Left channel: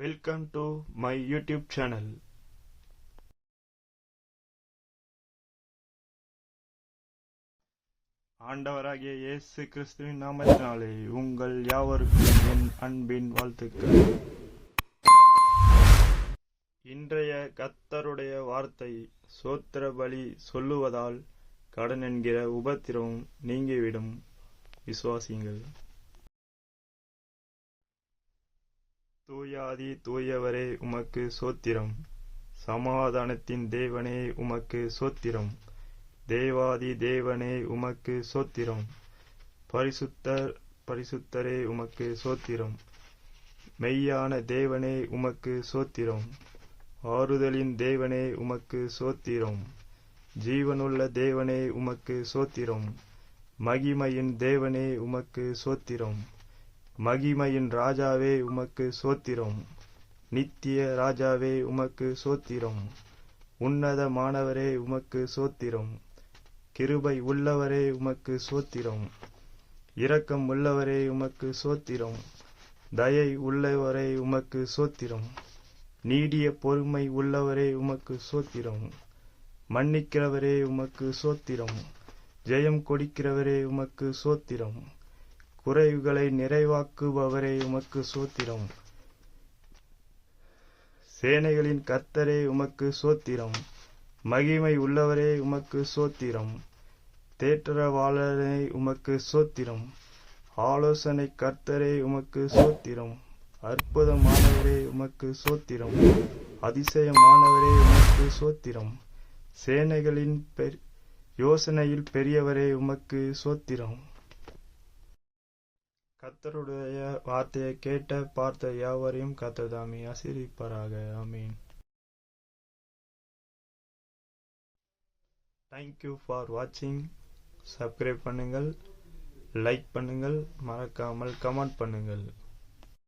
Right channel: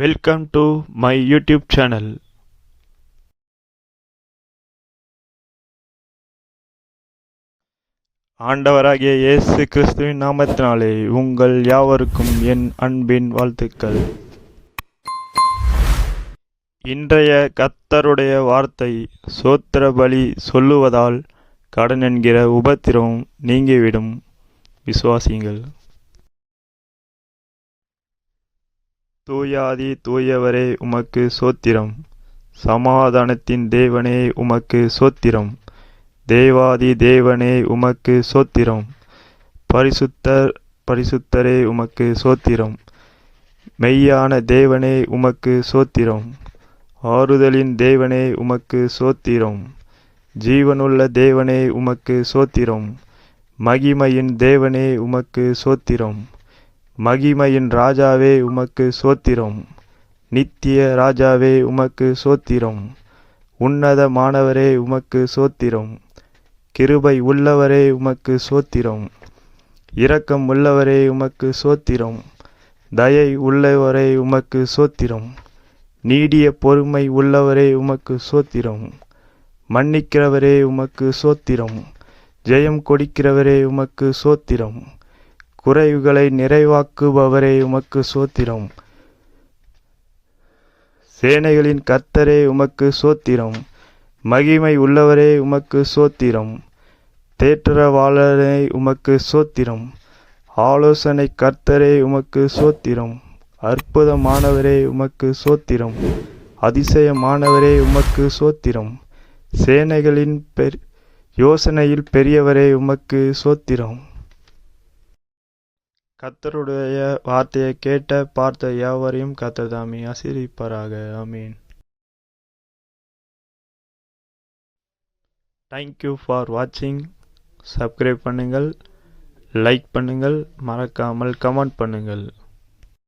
Welcome to my YouTube channel ஆண்டவராகிய இயேசு கிறிஸ்துவின் நாமத்தினாலே உங்கள் யாவருக்கும் என் அன்பின் வாழ்த்துக்கள். இன்றைய கத்தருடைய வார்த்தை சோத்திர பலி சொல்லுவதால் கடன் என்கிற உபத்திரம் நீங்கிவிடும். விசுவாசிங்கள் தூயாதி தூயவரே உமக்கு சோத்திரம். சமாதானத்தின் தேவனே உமக்கு சோத்திரம். தேவாதி தேவனே உமக்கு சோத்திரம். பரிசுத்தர் பரிசுத்தரே உமக்கு சோத்திரம். மெய்யான தேவனே உமக்கு சோத்திரம். ஆறுதலின் தேவனே உமக்கு சோத்திரம். ஜீவனுள்ள தேவனே உமக்கு சோத்திரம். மகிமையின் தேவனே உமக்கு சோத்திரம். மகிமையின் ராஜாவே உமக்கு சோத்திரம். நித்திய ராஜாவே உமக்கு சோத்திரம். உன்னத மாணவரே உமக்கு சோத்திரம். கிருபை உள்ளவரே உமக்கு சோத்திரம். இரக்கம் உள்ளவரே உமக்கு சோத்திரம். தயை உள்ளவரே உமக்கு சோத்திரம். நீடிய பொறுமை உள்ளவரே உமக்கு சோத்திரம். மன்னிக்கிறவரே உமக்கு சோத்திரம். ஜெயம் கொடுக்கிறவரே உமக்கு சோத்திரம். குறைவுகளை நிறைவாக்குபவரே உமக்கு சோத்திரம். சேனைகளின் கர்த்தரே உமக்கு சோத்திரம். மகிமை உள்ளவரே உமக்கு சோத்திரம். தேற்றவாளரே உமக்கு சோத்திரம். ஆலோசனை கர்த்தரே உமக்கு சோத்திரம். அற்புதமானவரே உமக்கு சோத்திரம். அதிசயமானவரே உமக்கு சோத்திரம். சேனைகளின் பெர் யோசனையில் பெரியவரே உமக்கு சோத்திரம். கத்தருடைய வார்த்தையை கேட்ட பார்த்த யாவரையும் கத்ததாமி ஆசீர்விப்பாராக. ஆமீன். தேங்க்யூ ஃபார் வாட்சிங் சப்ஸ்கிரைப் பண்ணுங்கள். லைக் பண்ணுங்கள். மறக்காமல் கமெண்ட் பண்ணுங்கள்.